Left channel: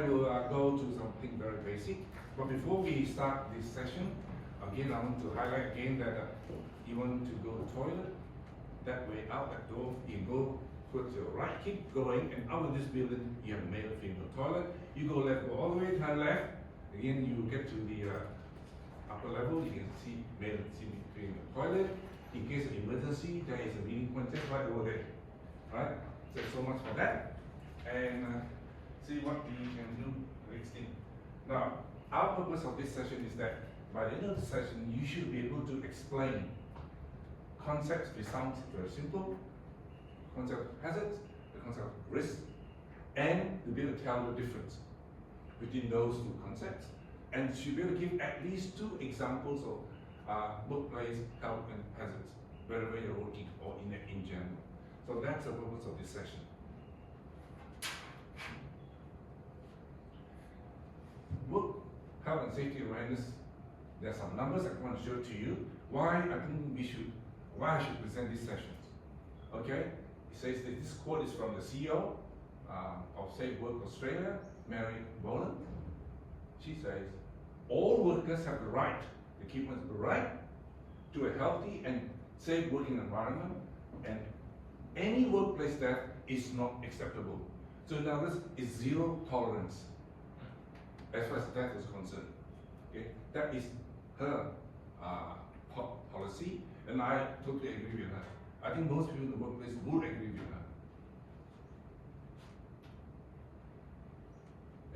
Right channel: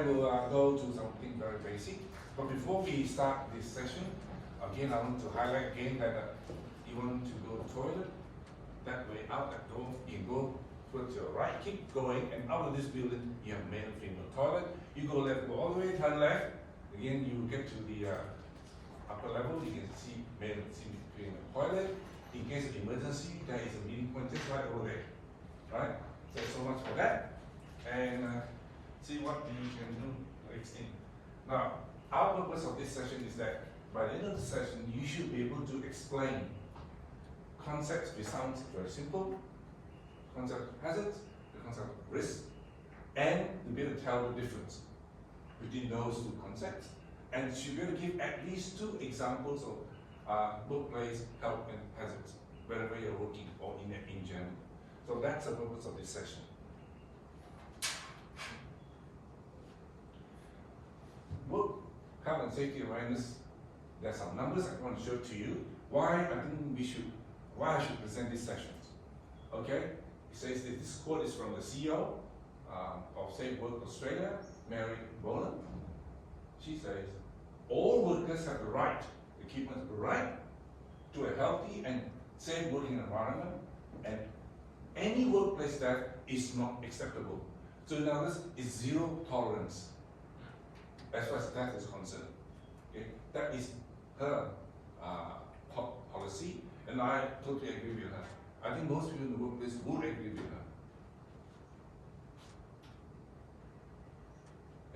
I will go to something very basic. But before we start this session, again, I want to highlight again that you want to go to the toilet, that way out that door, you go towards your right, keep going, and out of this building, you have male and female toilet. You go left, go all the way, turn left. Again, you get to the upper level, you can see male and female toilet. In case of emergency, there is a meeting point just right over there. Right? So much for that. And see what we can do next thing. Now, our purpose of this session is that by the end of the session, you should be able to explain concepts which sounds very simple, concept of hazards, the concept of risk, and to be able to tell the difference between those two concepts, and should be able to give at least 2 examples of workplace health and hazards, wherever you're working or in general. So that's the purpose of this session. Work health and safety awareness. There are some numbers I want to show to you. Why I should present these sessions. Okay, it says that this quote is from the CEO of Safe Work Australia, Mary Boland. She says, all workers have the right, the key point is the right to a healthy and safe working environment, and any workplace that is not acceptable. So in other words, it's zero tolerance as far as that is concerned. Okay, that is her policy, and I totally agree with her. I think most people in the workplace would agree with her.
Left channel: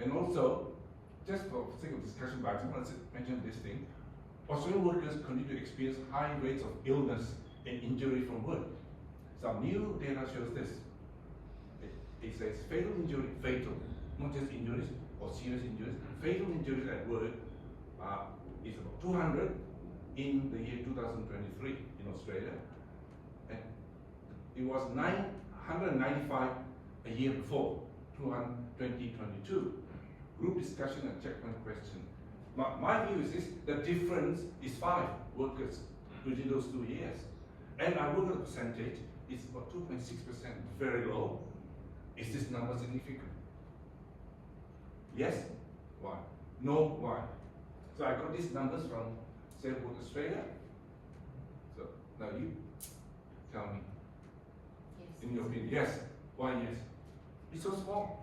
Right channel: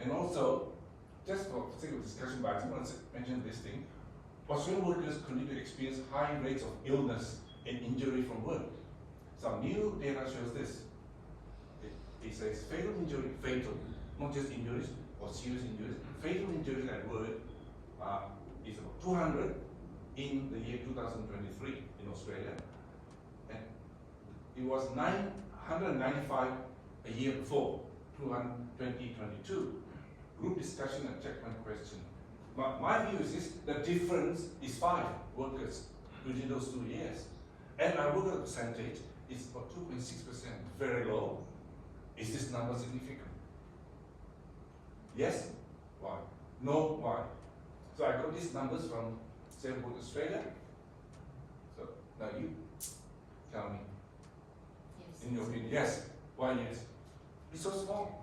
And also, just for the sake of discussion, but I just want to mention this thing. Australian workers continue to experience high rates of illness and injury from work. Some new data shows this. It says fatal injury, not just injuries or serious injuries, fatal injuries at work is about 200 in the year 2023 in Australia. And it was 995 a year before, 2022. Group discussion and checkpoint question. My view is this, the difference is 5 workers within those 2 years. And I would have percentage, it's about 2.6%, very low. Is this number significant? Yes? Why? No? Why? So I got these numbers from Safe Work Australia. So now you tell me. Yes. In your opinion, yes. Why yes? It's so small.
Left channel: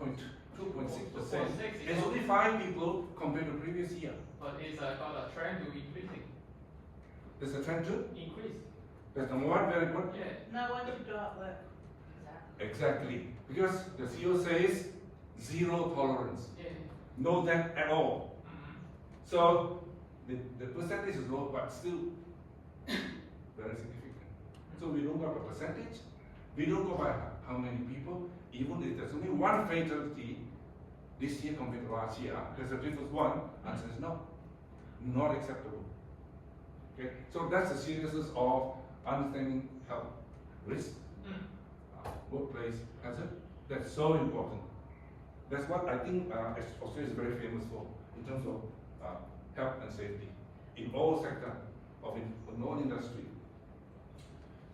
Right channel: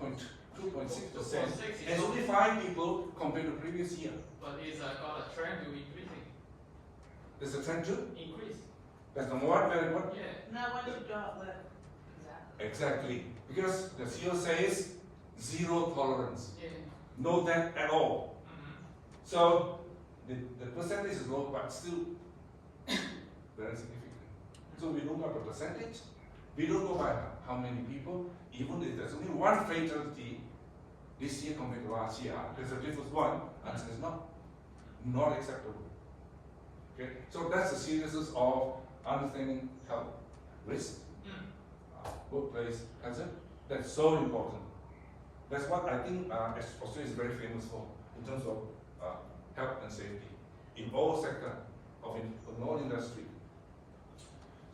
2.6%. It's only 5 people compared to previous year. But it's got a trend to increasing. There's a trend to increase. That's number 1, very good. Yeah. No one should do it. Exactly. Because the CEO says zero tolerance. Yeah. No that at all. So the percentage is low, but still very significant. So we don't have a percentage. We don't know by how many people. Even if there's only 1 fatality this year compared to last year, there's a difference 1, and it's not acceptable. Okay, so that's the seriousness of understanding health risk, workplace hazard. That's so important. That's what I think Australia is very famous for in terms of health and safety in all sectors of in all industry.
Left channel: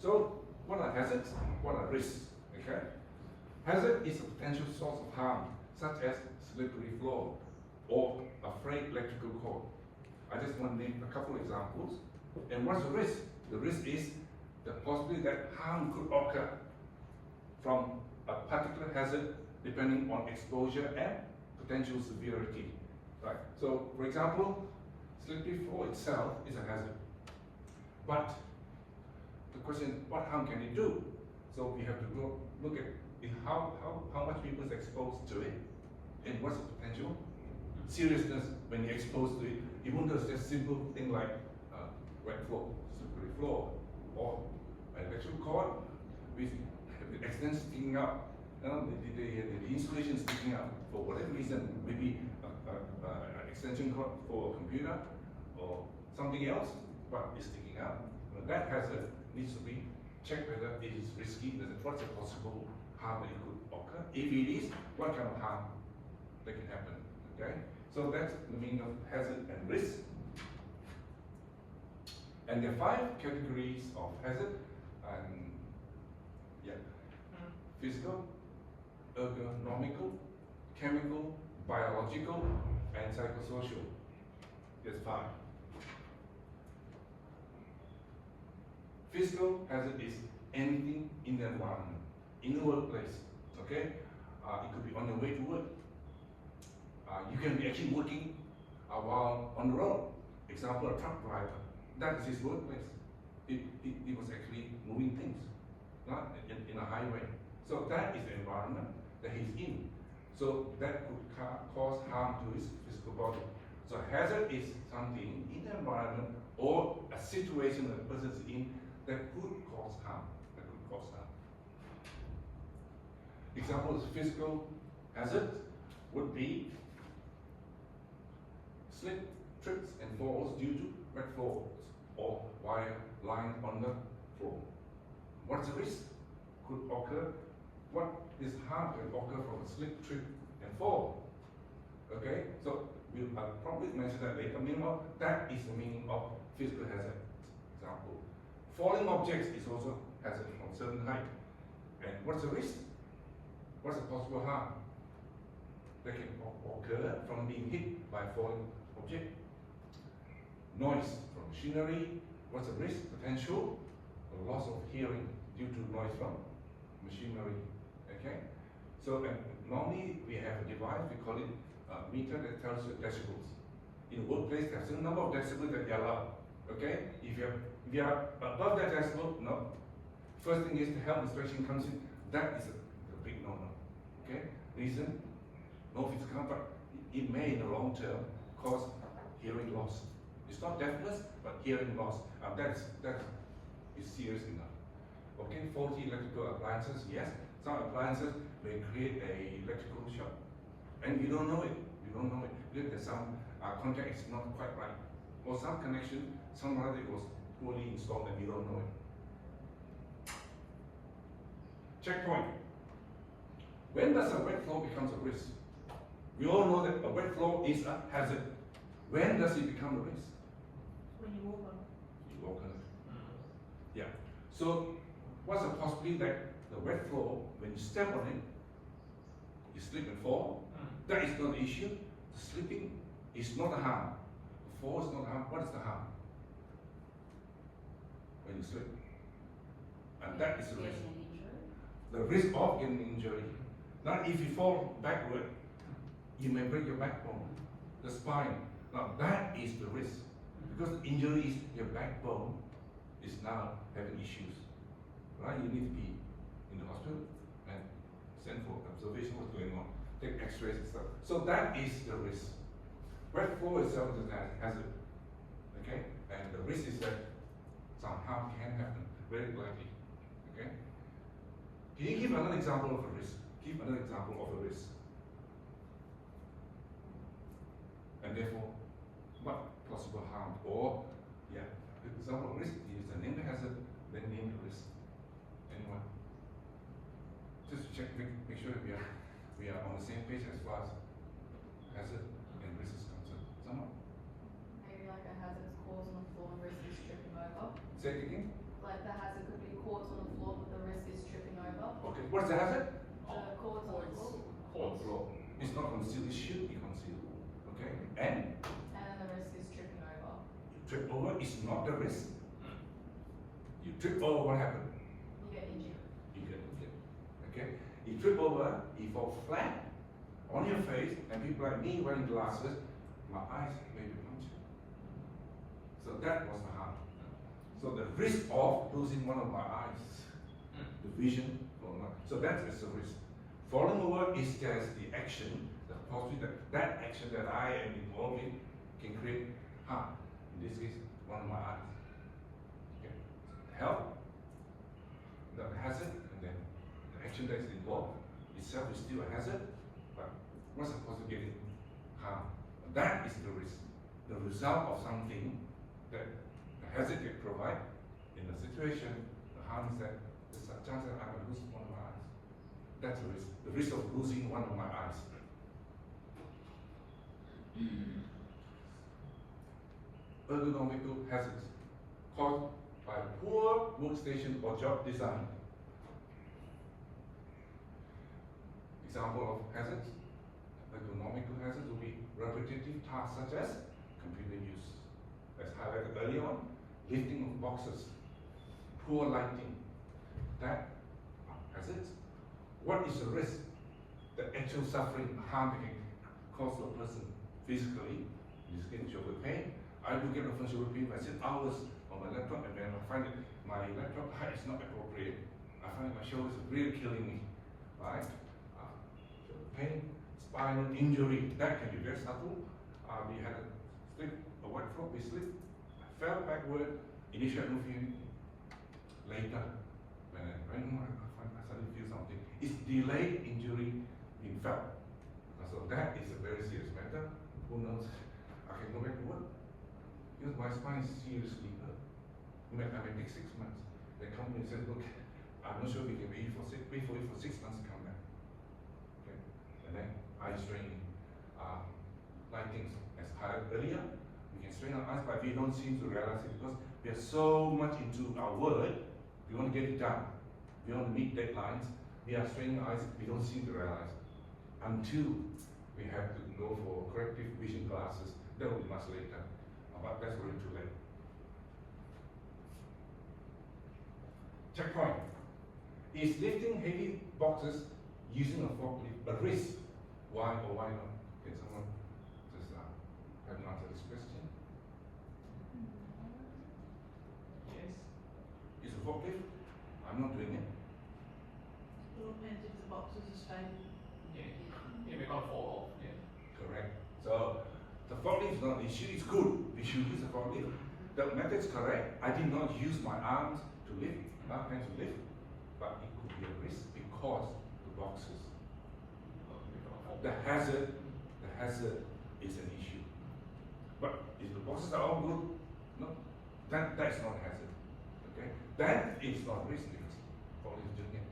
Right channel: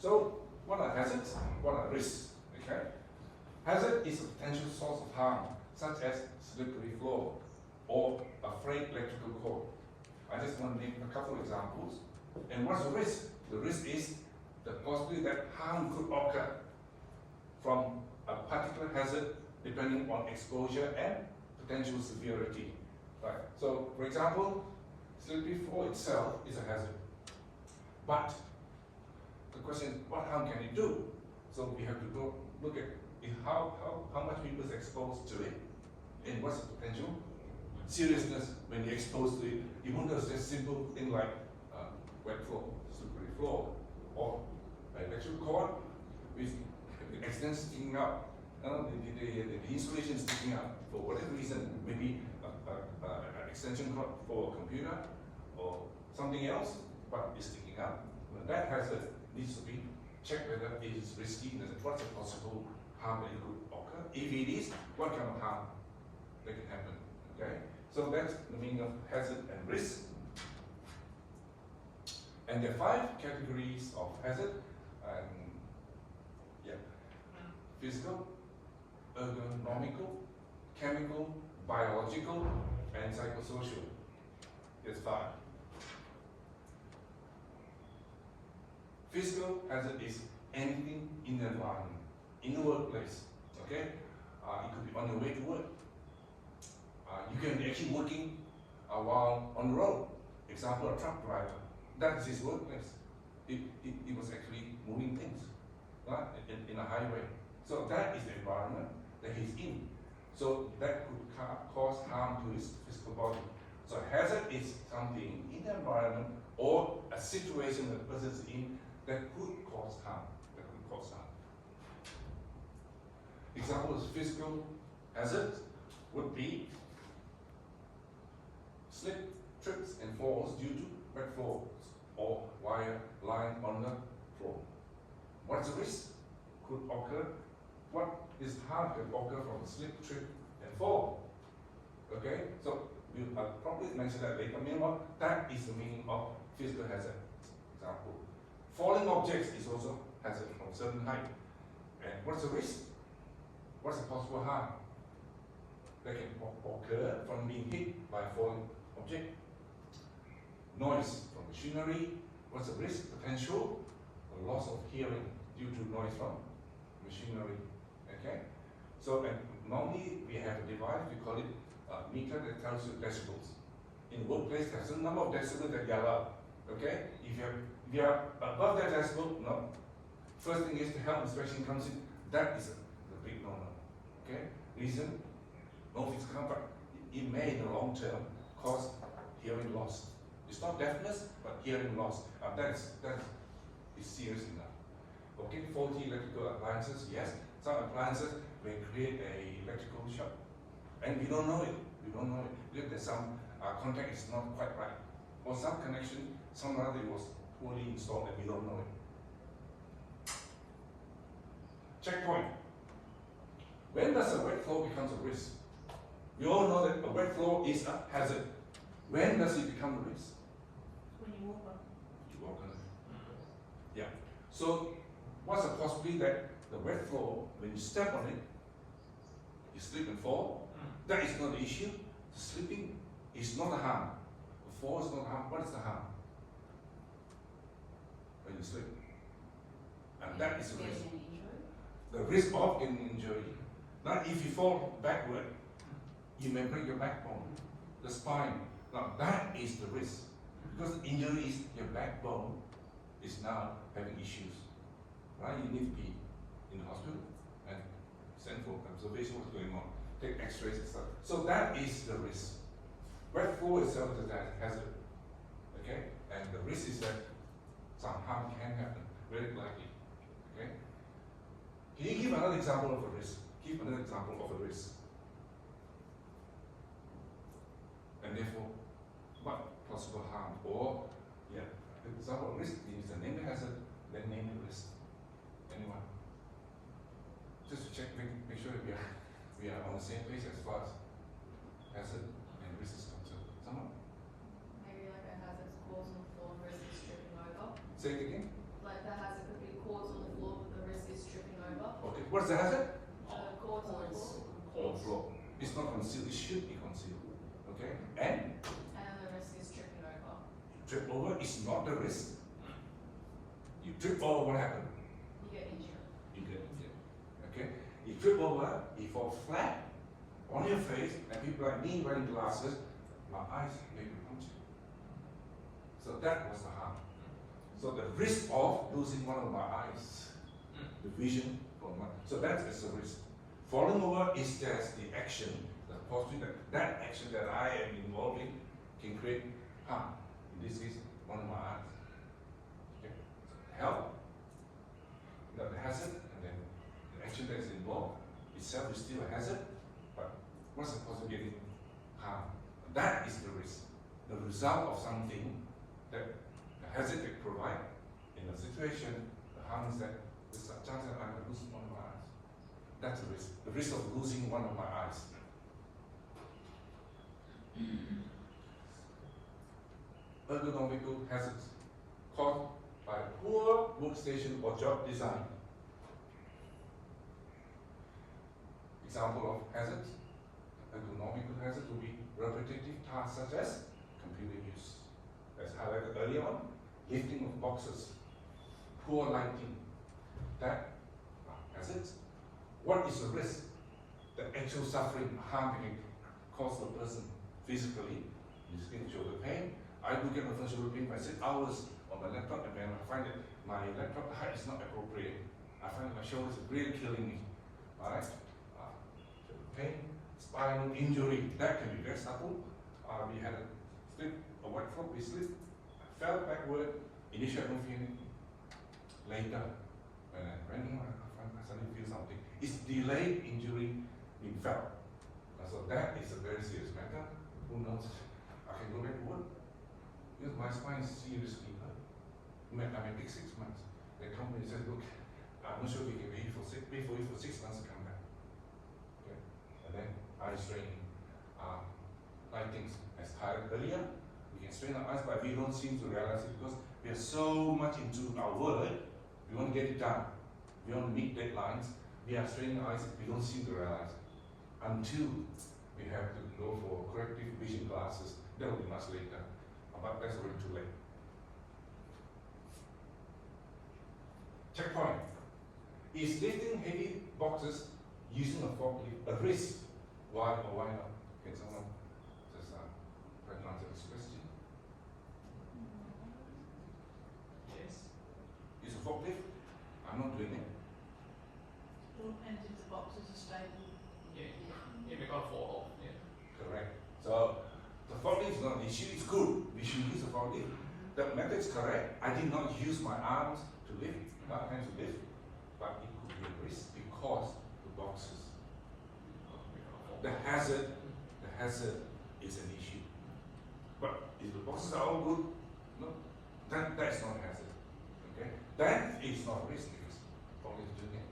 So what are hazards? What are risks? Okay, hazard is a potential source of harm, such as slippery floor or a frayed electrical cord. I just want to name a couple of examples. And what's the risk? The risk is the possibility that harm could occur from a particular hazard depending on exposure and potential severity. Right. So, for example, slippery floor itself is a hazard. But the question is, what harm can it do? So we have to look at how much people is exposed to it, and what's the potential seriousness when you're exposed to it. You won't just a simple thing like wet floor, slippery floor, or an electrical cord with the extent sticking out, the insulation sticking out for whatever reason, maybe an extension cord for a computer or something else, but it's sticking out. That hazard needs to be checked whether it is risky, what's the possible harm that it could occur. If it is, what kind of harm that can happen. Okay? So that's the meaning of hazard and risk. And there are 5 categories of hazard. Physical, ergonomical, chemical, biological, and psychosocial. That's 5. Physical hazard is anything in the environment, in the workplace. Okay, it could be on your way to work. You can be actually working while on the road. Example, a truck driver. That is his workplace. He was actually moving things, right, in a highway. So that is the environment that he's in. So that could cause harm to his physical body. So hazard is something in the environment or a situation that the person is in that could cause harm. Examples of physical hazards would be slip, trips, and falls due to wet floors or wire lying on the floor. What's the risk could occur? What is harm can occur from a slip, trip, and fall? Okay, so I'll probably mention that later. That is the meaning of physical hazard. Example, falling objects is also hazard from certain height. And what's the risk? What's the possible harm that can occur from being hit by a falling object? Noise from machinery. What's the risk? Potential loss of hearing due to noise from machinery. Okay, so normally we have a device, we call it a meter that tells you decibels. In the workplace, there's a number of decibels that you allow. Okay, if you are above that decibel, no. First thing is the health inspection comes in. That is a big no-no. Okay, reason, no physical harm, but it may in the long term cause hearing loss. It's not deafness, but hearing loss. That is serious enough. Okay, faulty electrical appliances, yes. Some appliances may create a electrical shock, and we don't know it. Because there's some contact is not quite right, or some connection, somehow it was poorly installed, and we don't know it. Checkpoint. When does a wet floor become a risk? We all know that a wet floor is a hazard. When does it become a risk? When you walk on. You walk on it. Yeah. So, what's the possibility that the wet floor, when you step on it, you slip and fall? That is not the issue. The slipping is not a harm. The fall is not a harm. What is the harm? When you slip. And that is the risk. The risk of getting injury. Now, if you fall backward, you may break your backbone, the spine. Now, that is the risk. Because injury is your backbone is now having issues. Right? You need to be in the hospital and send for observation what's going on. Take x-rays and stuff. So that is the risk. Wet floor itself is a hazard. Okay? And the risk is that some harm can happen, very likely. Okay? Can you give another example of a risk? Give another example of a risk. And therefore, what possible harm? Or, yeah, the example of risk is the name the hazard, then name the risk. Anyone? Just to check, make sure that we are on the same page as far as hazard and risk is concerned. Someone? Maybe like a hazard's cause on the floor and risk is tripping over. Say it again. Like the hazard could be cause on the floor, but the risk is tripping over. Okay. What's the hazard? The cause on the floor. On floor. It's not concealed, it should be concealed. Okay? And And the risk is tripping over. you trip over is not the risk. You trip over, what happened? You get injured. You get injured. Okay? You trip over, you fall flat on your face, and people like me wearing glasses, my eyes may be punctured. So that was the harm. So the risk of losing one of my eyes, the vision from one. So that is the risk. Falling over is just the action, the possibility that action that I am involved in can create harm. In this case, one of my eyes. Okay. Help, the hazard, and then the action that is involved itself is still a hazard, but what's the possibility of getting harm? That is the risk. The result of something that the hazard can provide in a situation, the harm is that there's a chance that I will lose one of my eyes. That's the risk. The risk of losing one of my eyes. Ergonomical hazards caused by poor workstation or job design. Example of hazards. hazards will be repetitive tasks such as computer use, as highlighted earlier on, lifting of boxes, poor lighting, that are hazards. What is the risk? The actual suffering, harm that can cause the person physically, you get shoulder pain. I do get often shoulder pain. I sit hours on my laptop and then I find that my laptop height is not appropriate. I find that my shoulders are really killing me. Alright? Shoulder pain, spinal injury, that can be very subtle. We had a white frog, we slipped, I fell backward, initially I don't feel anything. Later, when I went home, I suddenly feel something. It's delayed injury being felt. So that is a very serious matter. Who knows? I can go back to work. Because my spine is seriously hurt. I may take 6 months. The company said, look, I'm not sure we can wait for you for 6 months to come back. Okay. And then eye strain, lightings, as highlighted earlier, we can strain our eyes, but we don't seem to realize it because we are so much into our work. We want to get it done. We want to meet deadlines. We are straining our eyes. We don't seem to realize it until we have to go for corrective vision glasses. That will be much later, but that's already too late. Checkpoint. Is lifting heavy boxes using a forklift a risk? Why or why not? Can someone just try to answer this question? Yes. Use a forklift? I'm not doing it. Well, and if the boxes are stable. Yeah. Yeah, we can't fall off. Yeah. Correct. So the forklift is not an issue, it's good. We should use a forklift. The method is correct. I did not use my arms to lift, my hands to lift, but it could be a risk because the boxes. We can't fall. The hazard is an issue. But if the boxes are all good, no, that is not a hazard. Okay? That is not a risk because forklift is doing it.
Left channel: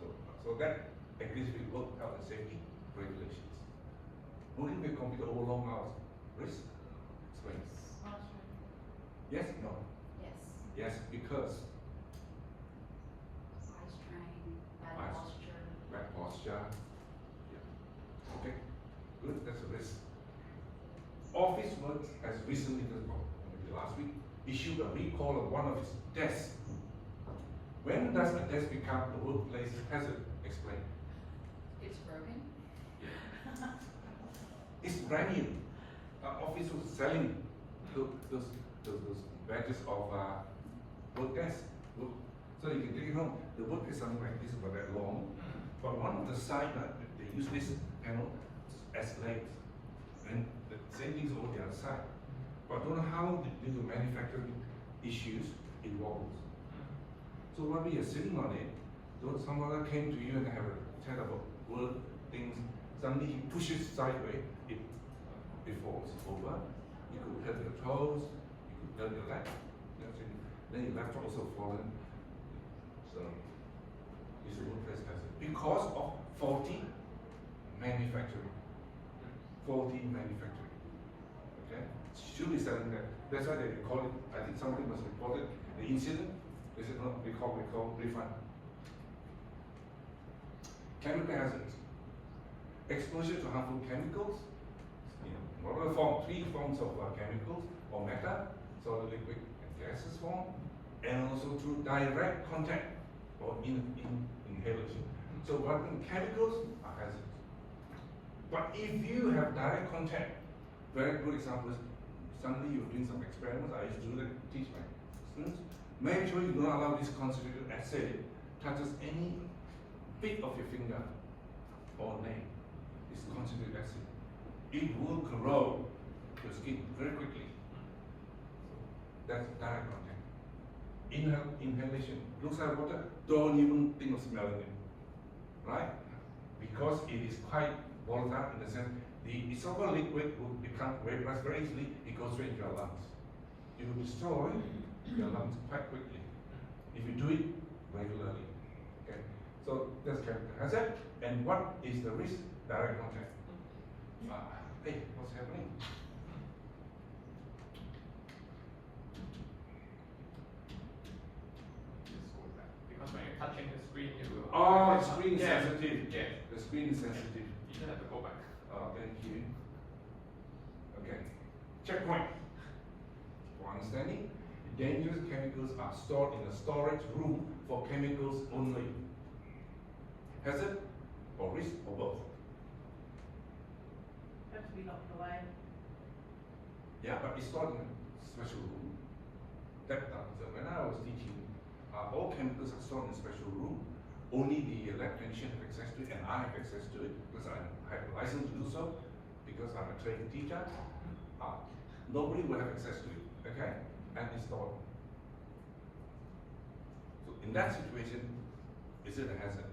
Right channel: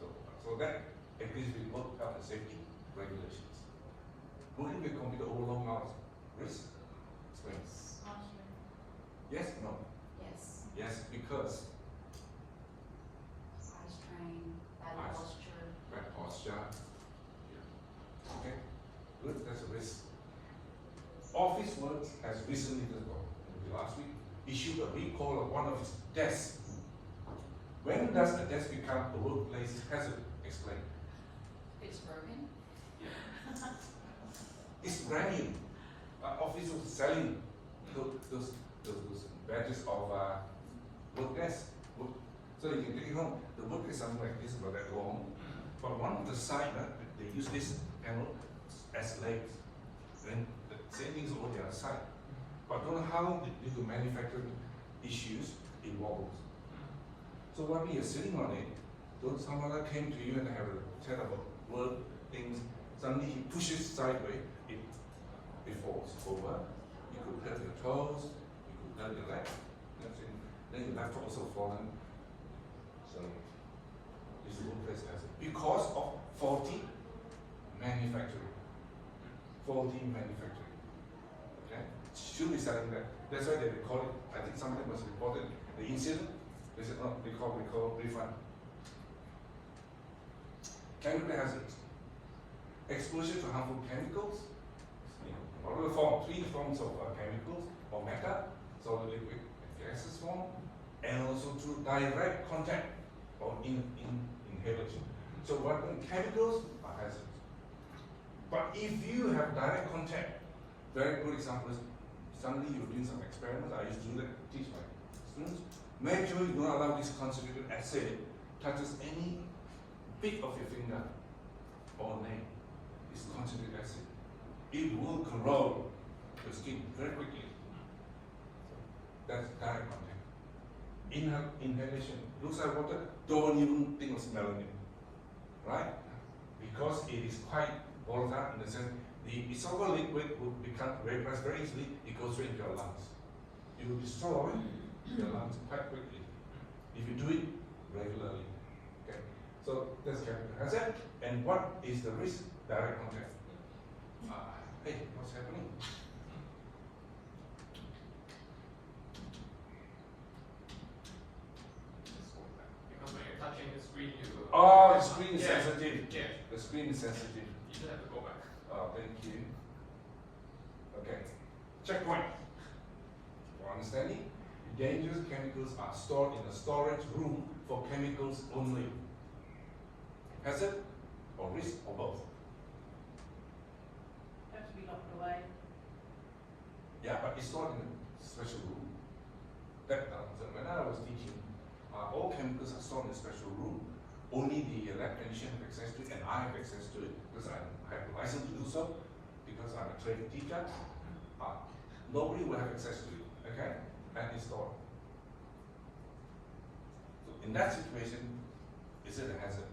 So that agrees with both health and safety regulations. Working with computer over long hours, risk? Explain. Yes? No? Yes. Yes, because Eye strain, bad Eyes. posture. bad posture. Yeah. Okay, good, that's a risk. Office Works has recently, maybe last week, issued a recall of one of its desks. When does a desk become a workplace hazard? Explain. It's broken. It's brand new. Office was selling those badges of work desk. So you can take it home. The work is something like this, about that long. But one of the side, they use this panel as legs. And the same thing is over the other side. But don't know how due to manufacturing issues involved. So while we are sitting on it, someone came to you and have a set of work things. Suddenly he pushes sideways, it falls over. You could hurt your toes, you could hurt your leg, then your left also fallen. So this workplace hazard because of faulty manufacturing. Faulty manufacturing. Okay? Should be selling that. That's why they record it. I think somebody must report it. The incident, they said, no, recall, refund. Chemical hazards. Exposure to harmful chemicals. Whatever form, 3 forms of chemicals or matter, solid, liquid, and gaseous form, and also through direct contact or inhalation. So what chemicals are hazards. But if you have direct contact, very good example is suddenly you're doing some experiments. I used to do that, teach my students. Make sure you don't allow this concentrated acid touches any bit of your finger or nail. It's concentrated acid. It will corrode your skin very quickly. That's direct contact. Inhalation. Looks like water, don't even think of smelling it. Right? Because it is quite volatile in the sense the so-called liquid will become vaporized very easily, it goes straight into your lungs. It will destroy your lungs quite quickly if you do it regularly. Okay? So that's chemical hazard. And what is the risk? Direct contact. Hey, what's happening? Because when you're touching the screen, you will. Oh, the screen is Yeah. sensitive. Yeah. The screen is sensitive. You should have to go back. Oh, thank you. Okay. Checkpoint. For understanding, dangerous chemicals are stored in a storage room for chemicals only. Hazard or risk or both? Have to be locked away. Yeah, but it's stored in a special room. So when I was teaching, all chemicals are stored in a special room. Only the lab technician have access to it, and I have access to it because I have a license to do so, because I'm a trained teacher. Nobody will have access to it, okay? And it's stored. So in that situation, is it a hazard?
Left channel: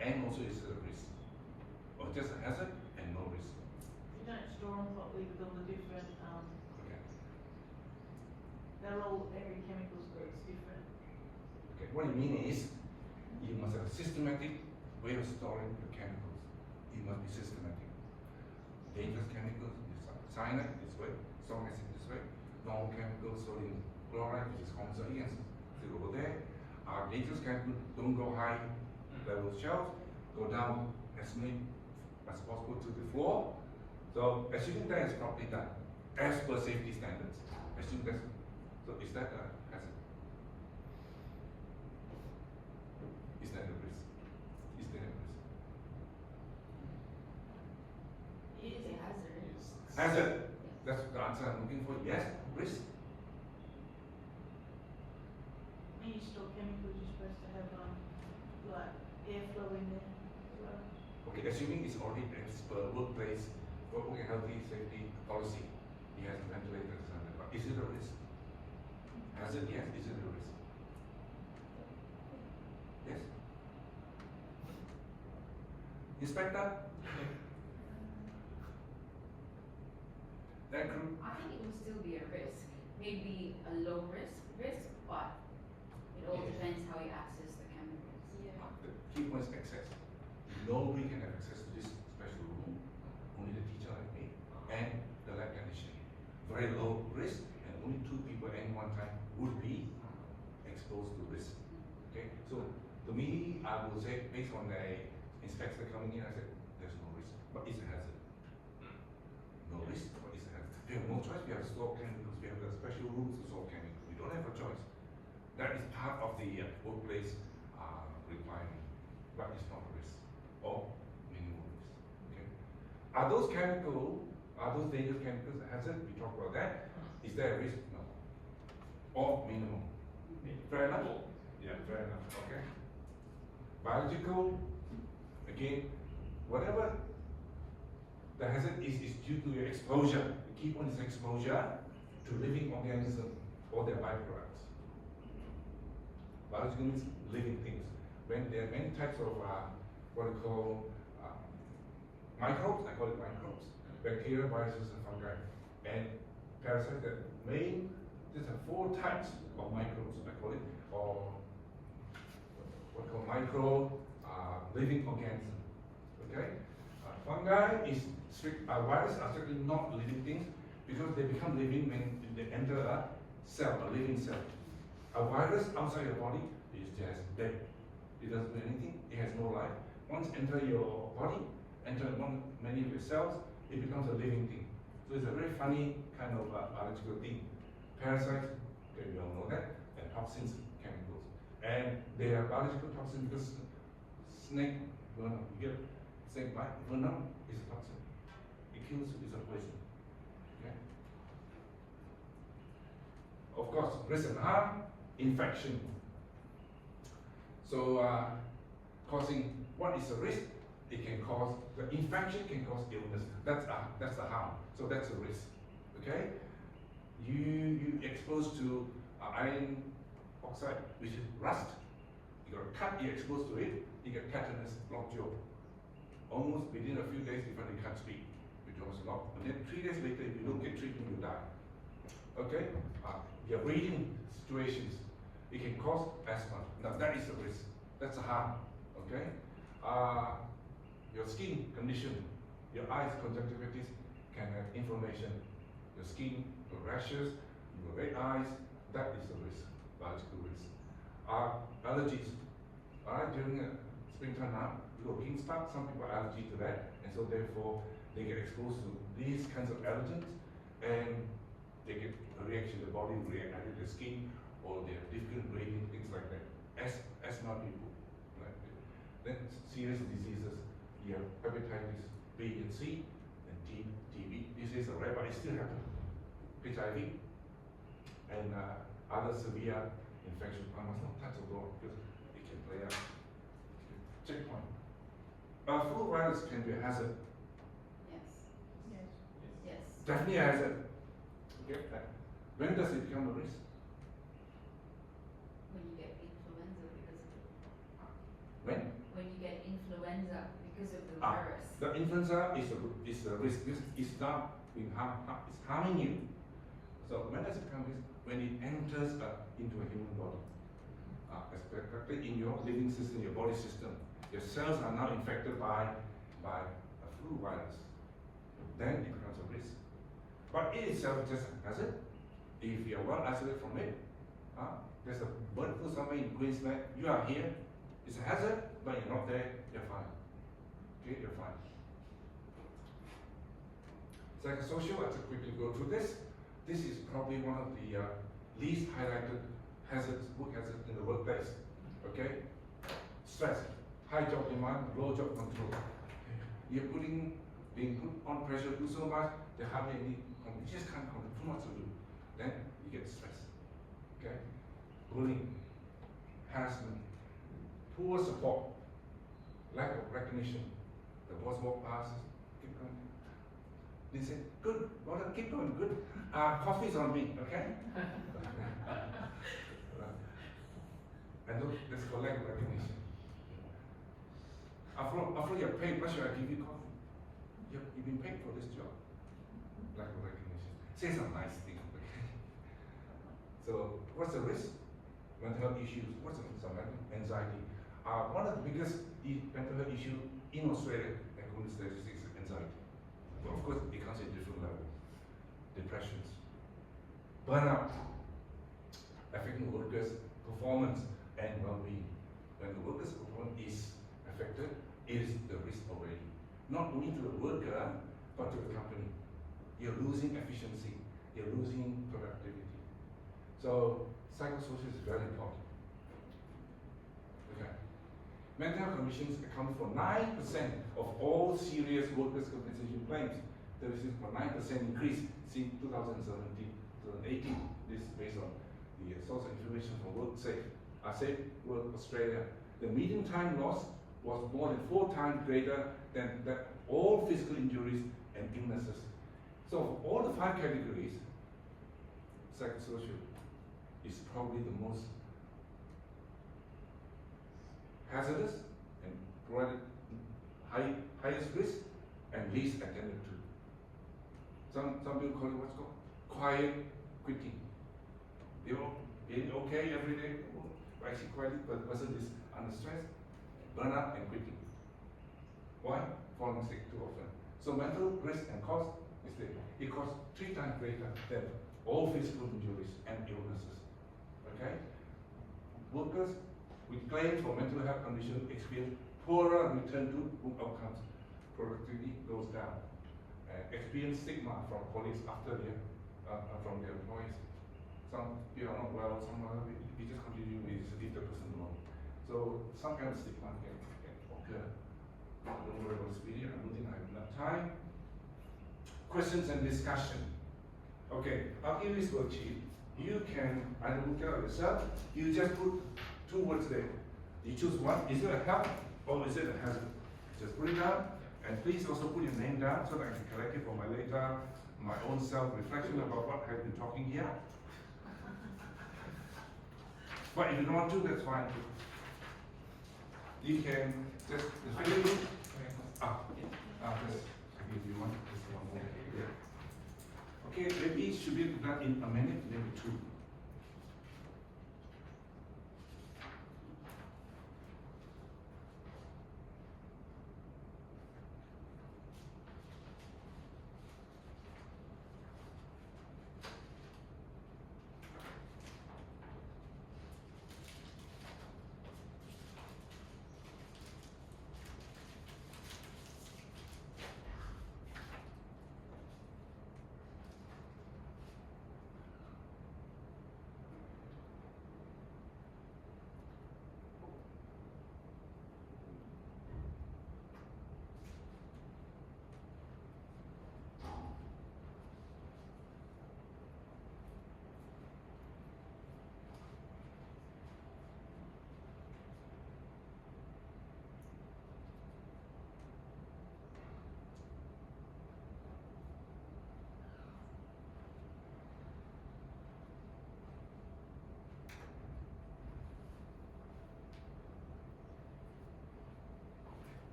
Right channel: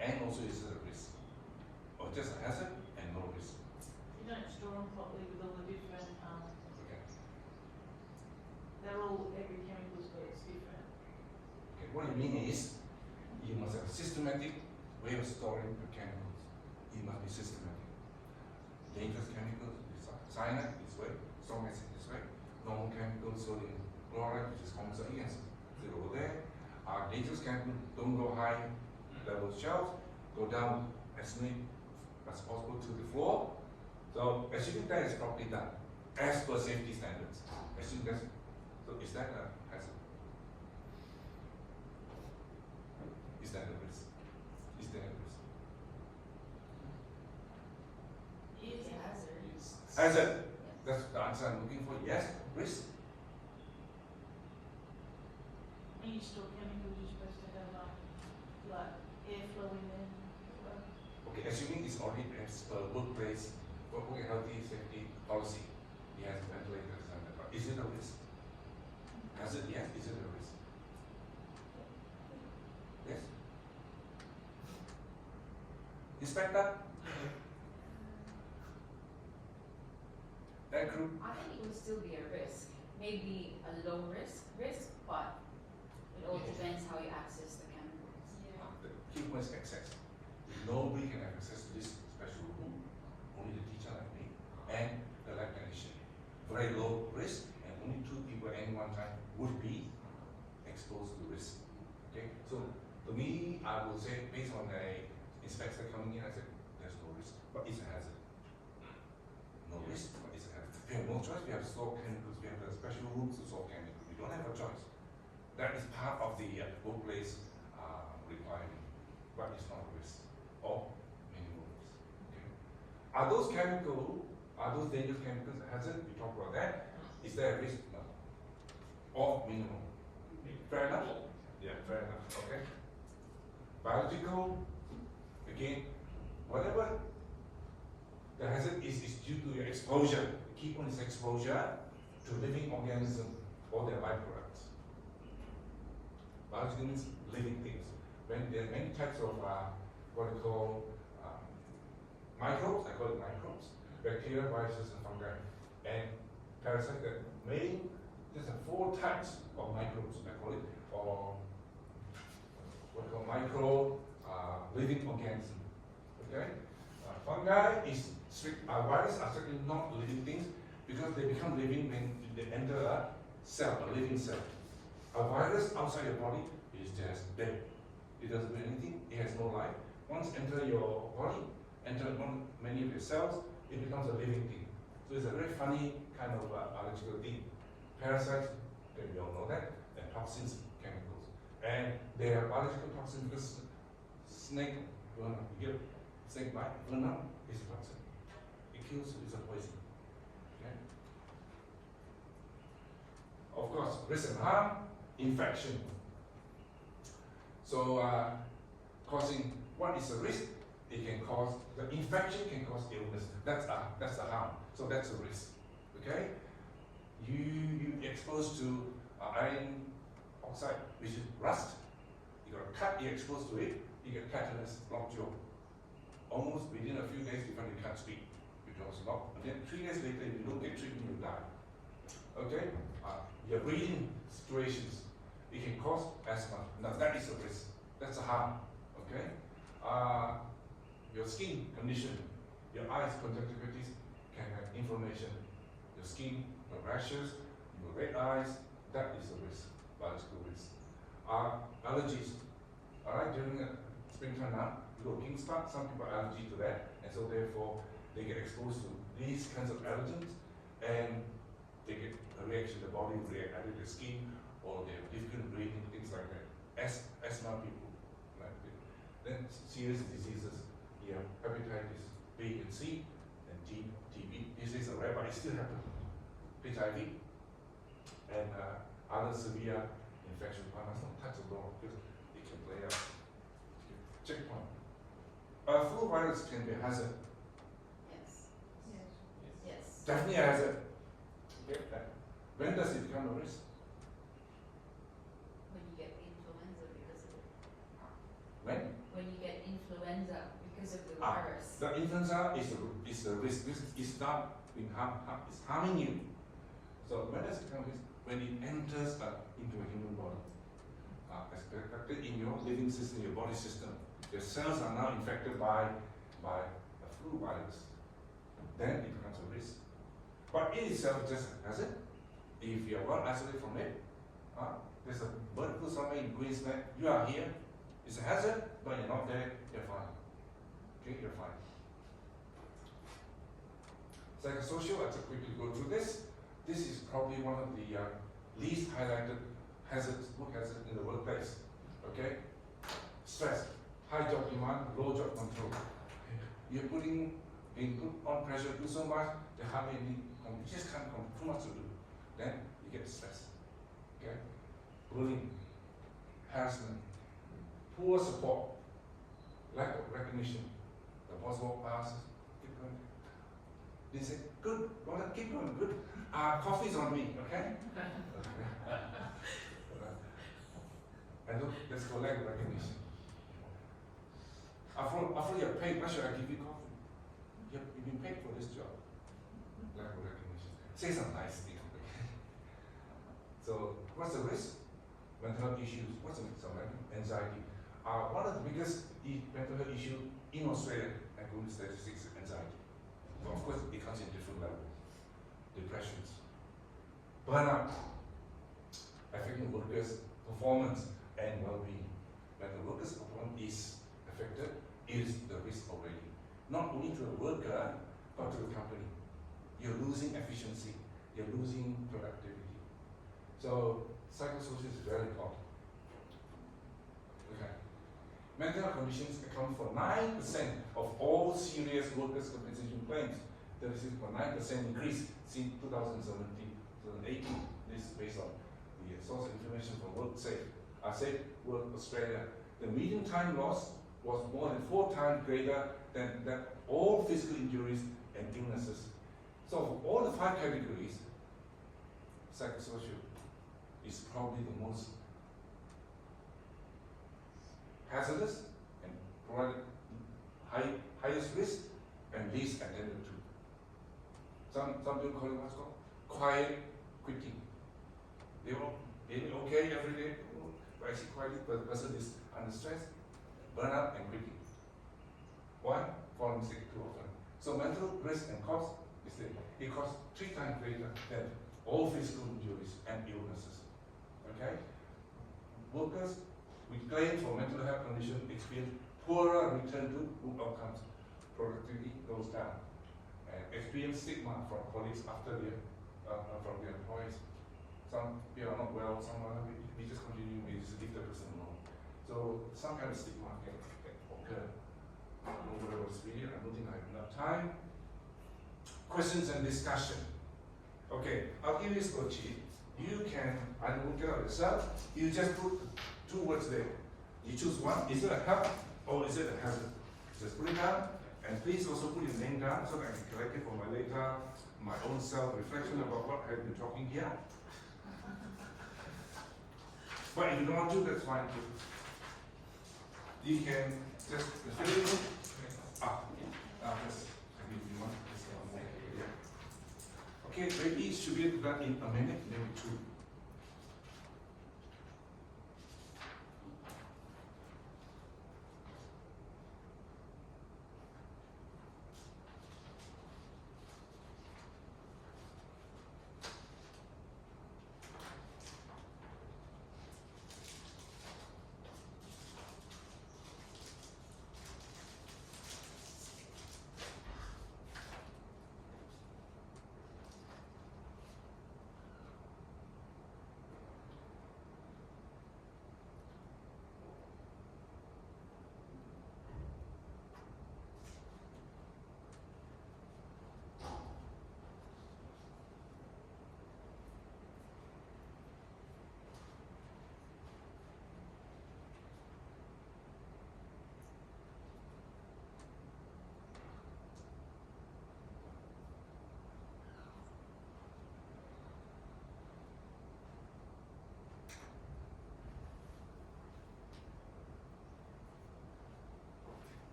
And also is it a risk? Or just a hazard and no risk? You don't store them properly with all the different, Okay. they're all, every chemical's got its different. Okay, what you mean is, you must have a systematic way of storing the chemicals. It must be systematic. Dangerous chemicals, cyanide this way, strong acid this way, normal chemicals, sodium chloride, which is common, so yes, they go there. Dangerous chemicals don't go high level shelves, go down as many as possible to the floor. So assuming that is properly done, as per safety standards, assuming that's, so is that a hazard? Is that a risk? Is there a risk? It's a hazard. Hazard. That's the answer I'm looking for. Yes, risk. When you store chemicals, you're supposed to have, like, airflow in there as well. Okay, assuming it's already as per workplace, work and healthy safety policy, he has ventilators and that. But is it a risk? Hazard, yes. Is it a risk? Yes. Inspector? That group? I think it would still be a risk. Maybe a low risk, but it all depends how you access the chemicals. The key point is access. Nobody can have access to this special room, only the teacher like me and the lab technician. Very low risk, and only 2 people at any one time would be exposed to risk. Okay, so to me, I will say, based on the inspector coming in, I said, there's no risk, but it's a hazard. No risk, but it's a hazard. We have no choice, we have to store chemicals, we have the special rooms to store chemicals. We don't have a choice. That is part of the workplace requirement, but it's not a risk or minimal risk. Okay. Are those dangerous chemicals a hazard? We talked about that. Is there a risk? No. Or minimal? Fair enough? Yeah, fair enough. Okay. Biological, again, whatever the hazard is due to your exposure. The key point is exposure to living organisms or their byproducts. Biological means living things. When there are many types of what we call microbes, I call it microbes, bacteria, viruses, and fungi, and parasites. That main, there's 4 types of microbes, I call it, or what we call micro living organisms. Okay, fungi is viruses are certainly not living things because they become living when they enter a cell, a living cell. A virus outside your body is just dead. It doesn't do anything. It has no life. Once enter your body, enter many of your cells, it becomes a living thing. So it's a very funny kind of biological thing. Parasites, okay, we all know that, and toxins, chemicals. And they are biological toxins because snake venom, you get snake bite, venom is a toxin. It kills, it's a poison. Okay? Of course, risk and harm, infection. So, causing, what is a risk? It can cause, the infection can cause illness. That's the harm. So that's a risk. Okay? You exposed to iron oxide, which is rust. You got a cut, you're exposed to it, you get tetanus, lockjaw. Almost within a few days before you can't speak, because lock. And then 3 days later, if you don't get treatment, you die. Okay? Your breathing situations, it can cause asthma. Now that is a risk. That's a harm. Okay? Your skin condition, your eyes, conjunctivitis can have inflammation. Your skin, your rashes, your red eyes, that is a risk, biological risk. Allergies. Alright, during springtime now, you got king spot, some people are allergic to that, and so so therefore they get exposed to these kinds of allergens, and they get a reaction, the body will react either to the skin, or they have difficult breathing, things like that. Asthma people, like that. Then serious diseases, you have hepatitis B and C, and TB. This is a rare, but it still happens. HIV, and other severe infections. One must not touch the door because it can play out. Checkpoint. Flu virus can be a hazard. Yes. Yes. Yes. Definitely a hazard. Okay. When does it become a risk? When you get influenza because of it. When? When you get influenza because of the Ah, virus. The influenza is a risk. It's not being it's harming you. So when does it become risk? When it enters into a human body. Especially in your living system, your body system. Your cells are now infected by a flu virus. Then it becomes a risk. But it itself is just a hazard. If you are well isolated from it, there's a bird flu somewhere in Queensland, you are here, it's a hazard, but you're not there, you're fine. Okay, you're fine. Psychosocial, I'll just quickly go through this. This is probably one of the least highlighted hazards, work hazards in the workplace. Okay? Stress, high job demand, low job control. You're being put on pressure, do so much, you hardly any, you just can't control, too much to do. Then you get stressed. Okay? Bullying, harassment, poor support, lack of recognition. The boss walk past, keep going. They say, good, brother, keep going, good. Coffee's on me, okay? And look, let's go lack of recognition. After you're paid, why should I give you coffee? You've been paid for this job. Lack of recognition. Say some nice thing. So, what's the risk? Mental health issues. What's the risk of anxiety? One of the biggest mental health issues in Australia, according to statistics, is anxiety. So of course, it comes in different levels. Depressions, burnout, affecting workers' performance and well-being. When the workers' performance is affected, is the risk already. Not only to the worker, but to the company. You're losing efficiency, you're losing productivity. So, psychosocial is very important. Okay. Mental health conditions account for 9% of all serious workers' compensation claims. There is a 9% increase since 2017, 2018. This is based on the source of information from Safe Work Australia. The median time lost was more than 4 times greater than all physical injuries and illnesses. So of all the 5 categories, psychosocial is probably the most hazardous and provided highest risk and least attended to. Some people call it what's called quiet quitting. They're okay every day, but actually quietly, but the person is under stress, burnout and quitting. Why? Falling sick too often. So mental risk and cost is there. It costs 3 times greater than all physical injuries and illnesses. Okay? Workers with claim for mental health condition experience poorer return to work outcomes. Productivity goes down. Experience stigma from colleagues after from their employees. Some people are not well, some are, we just continue, we just leave the person alone. So some kind of stigma can occur. I don't know about this video, I don't think I have enough time. Questions and discussion. Okay, I'll give you this worksheet. You can either look it up yourself, you just put 2 words there. You choose one, is it a help or is it a hazard? Just put it down, and please also put your name down so that I can collect it for my later, my own self-reflection about what I've been talking here. But if you don't want to, that's fine too. You can just fill it in. Just if you want. Yeah. Okay, maybe it should be done in a minute, maybe 2.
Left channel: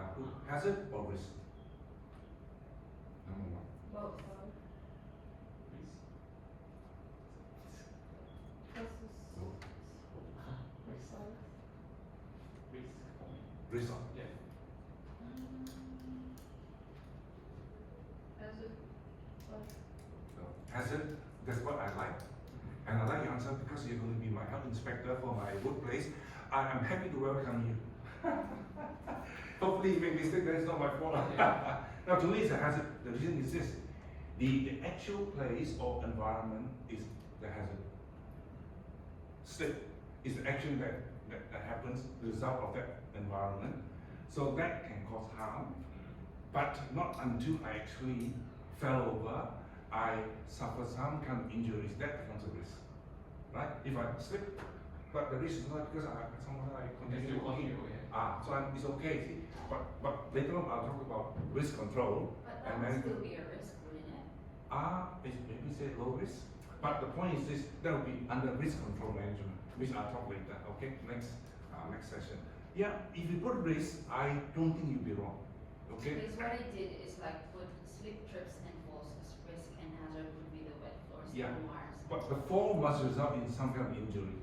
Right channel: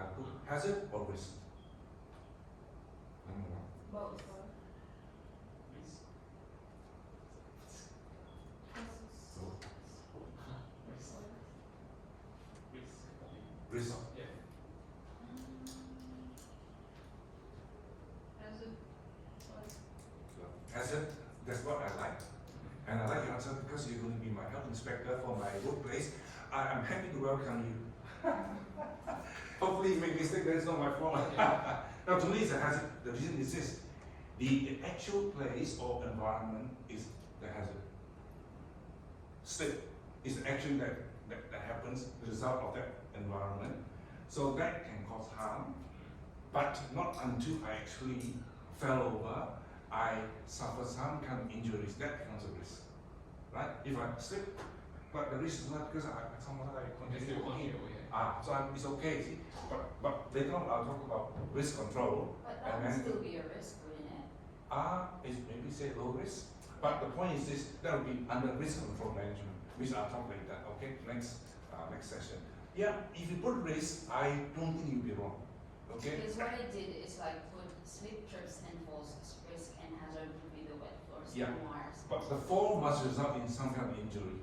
I put hazard or risk. Number one. Both. Risk. So, Risk. Risk. risk. Yeah. Hazard. So, hazard, that's what I like. And I like your answer because you're going to be my health inspector for my workplace. I am happy to welcome you. Hopefully you make mistake, that's not my fault. Yeah. Now to me it's a hazard. The reason is this. The actual place or environment is the hazard. Slip is the action that happens, the result of that environment. So that can cause harm, but not until I actually fell over, I suffer some kind of injuries, that becomes a risk. Right? If I slip, but the risk is not because I somehow I Can continue still walking. continue, yeah. So it's okay, see? But later on I'll talk about risk control. But that And would then- still be a risk, wouldn't it? Is maybe say low risk. But the point is this, that will be under risk control management, which I'll talk later, okay? Next session. Yeah, if you put risk, I don't think you'll be wrong, okay? Because what I did is like put slip, trips and falls as risk and hazard would be the wet floors Yeah. and wires. But the fall must result in some kind of injury.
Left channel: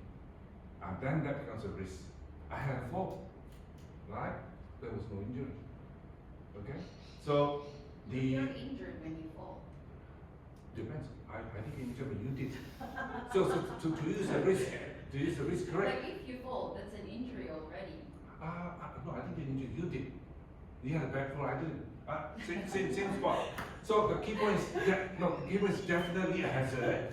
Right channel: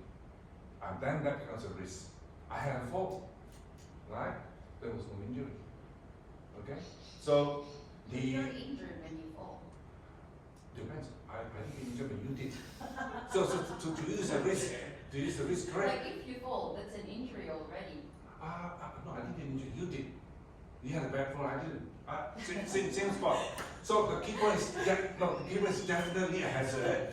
And then that becomes a risk. I had a fall, right? There was no injury. Okay? So If you're the injured when you fall. depends. I didn't get injured, but you did. So to use the risk, correct? Like if you fall, that's an injury already. No, I didn't get injured. You did. You had a bad fall. I didn't. Same spot. So the key point is definitely a hazard.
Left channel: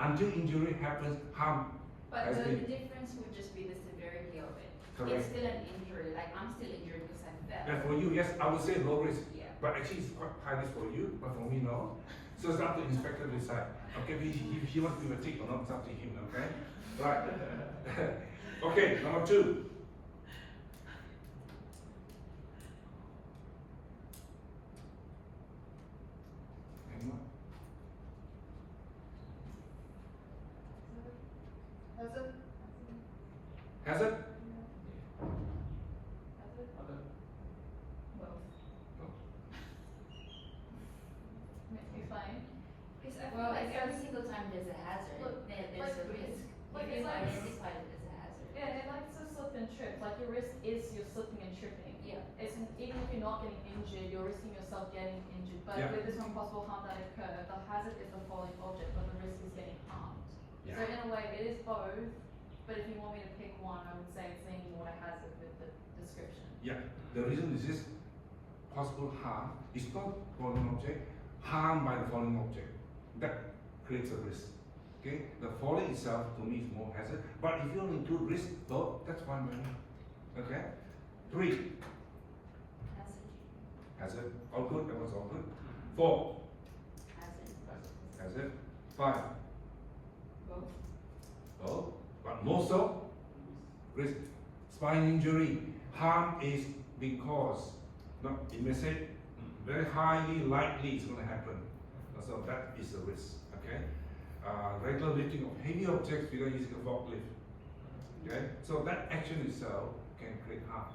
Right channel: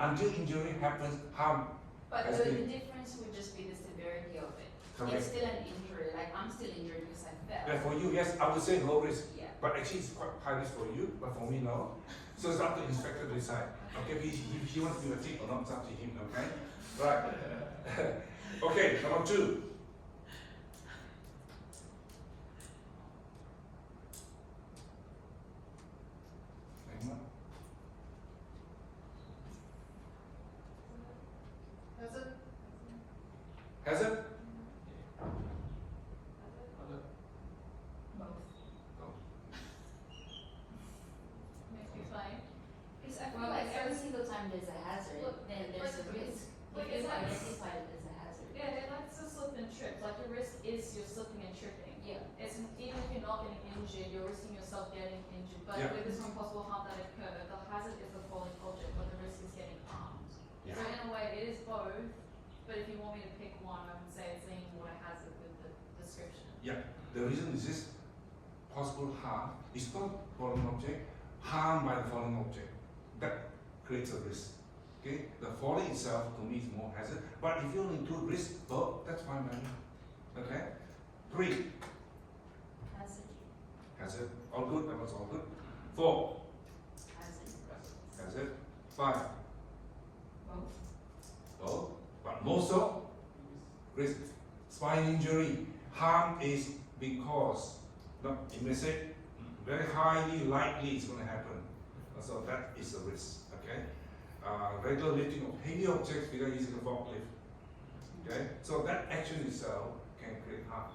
Until injury happens, harm. But Has the been- difference would just be the severity of it. Correct. It's still an injury, like I'm still injured because I fell. And for you, yes, I would say low risk. Yeah. But actually, it's quite high risk for you, but for me, no. So it's up to the inspector to decide. Okay, if he wants to do a tick or not, it's up to him, okay? Right. Okay, number two. Anyone? Hazard. Hazard? Other. Both. No. Makes me fine. Because I feel Well, like it every says- single time there's a hazard, Look, then there's like- a risk. like If it's you like- identify it as a hazard. Yeah, it likes to slip and trip. Like your risk is you're slipping and tripping. Yeah. It's even if you're not getting injured, you're risking yourself getting injured. But Yeah. with this one possible harm that occur, the hazard is the falling object, but the risk is getting harmed. Yeah. So in a way, it is both. But if you want me to pick one, I would say it's leaning more to hazard with the description. Yeah, the reason is this possible harm is not falling object, harm by the falling object. That creates a risk. Okay, the falling itself to me is more hazard, but if you only include risk, both, that's fine by me. Okay? 3, Hazard. hazard, all good, that was all good. 4, Hazard. hazard. 5, Both. both, but most of risk. Spine injury, harm is because, no, you may say, very highly likely it's going to happen. So that is a risk, okay? Regular lifting of heavy objects without using a forklift, okay? So that action itself can create harm,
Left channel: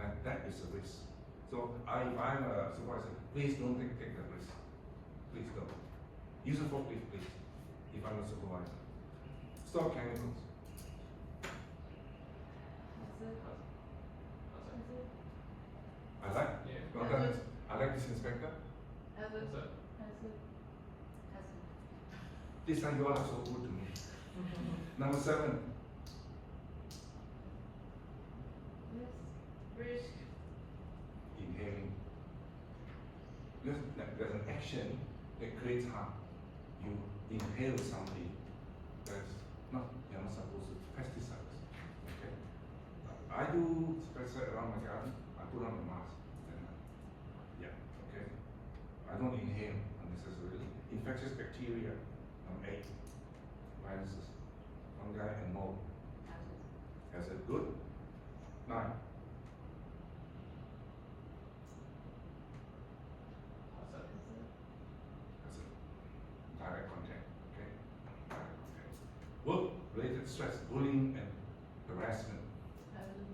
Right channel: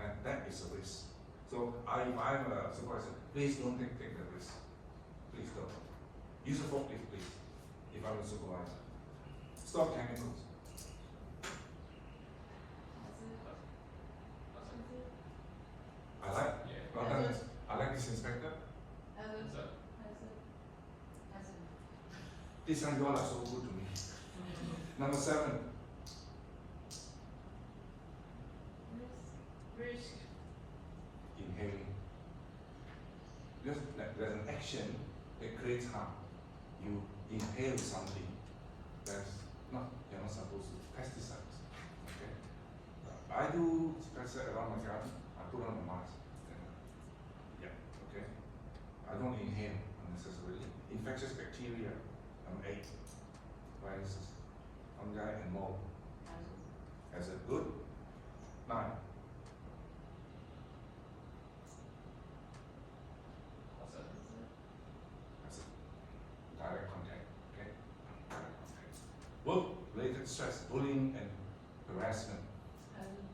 and that is a risk. So if I'm a supervisor, please don't take that risk. Please don't. Use a forklift, please, if I'm a supervisor. Stop chemicals. I like, Yeah. well done. I like this inspector. Hazard. Hazard. Hazard. Hazard. This time you all are so good to me. Number 7, Risk. inhaling. Because there's an action that creates harm. You inhale something that's not, you're not supposed to, pesticides. Okay? I do pesticide around my garden, I put on a mask. Then, yeah, okay? I don't inhale unnecessarily. Infectious bacteria, number 8. Viruses, fungi and mold. Hazard. As a good. 9. Hazard. As a direct contact, okay? Direct contact. Work-related stress, bullying and harassment, Hazard.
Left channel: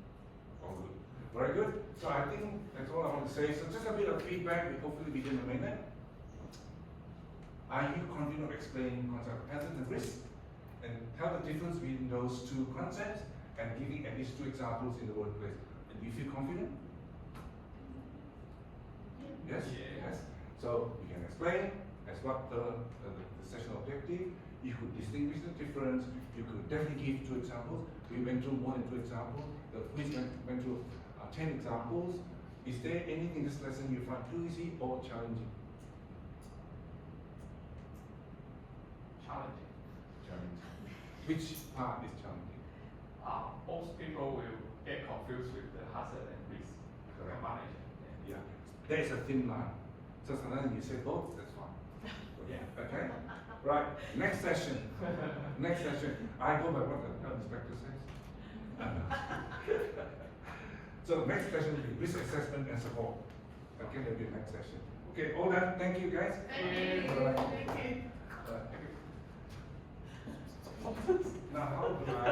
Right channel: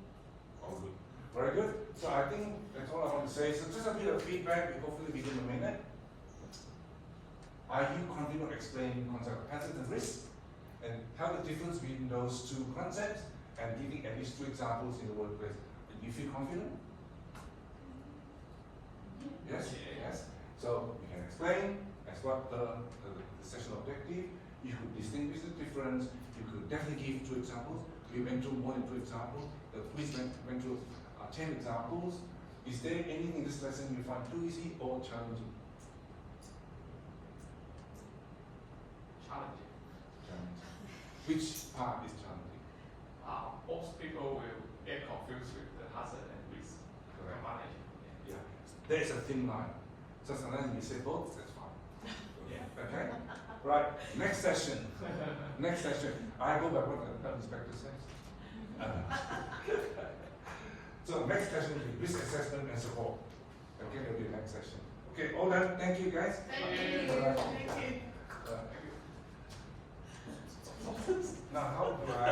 all good. Very good. So I think that's all I want to say. So just a bit of feedback, hopefully within a minute. Are you confident of explaining the concept of hazard and risk? And tell the difference between those two concepts and giving at least 2 examples in the workplace. Do you feel confident? Yes? Yeah. Yes. So you can explain as what the session objective. You could distinguish the difference. You could definitely give 2 examples. We went through more than 2 examples. The quiz went through 10 examples. Is there anything in this lesson you find too easy or challenging? Challenging. Challenging. Which part is challenging? Most people will get confused with the hazard and risk Correct. combination. Yeah. There is a thin line. So sometimes you say both, that's fine. Yeah. Okay? Right. Next session. Next session. I go by what the inspector says. So next session will be risk assessment and support. Okay, that'll be the next session. Okay, all done. Thank you guys. Thank you. Bye. Thank you. Now how do I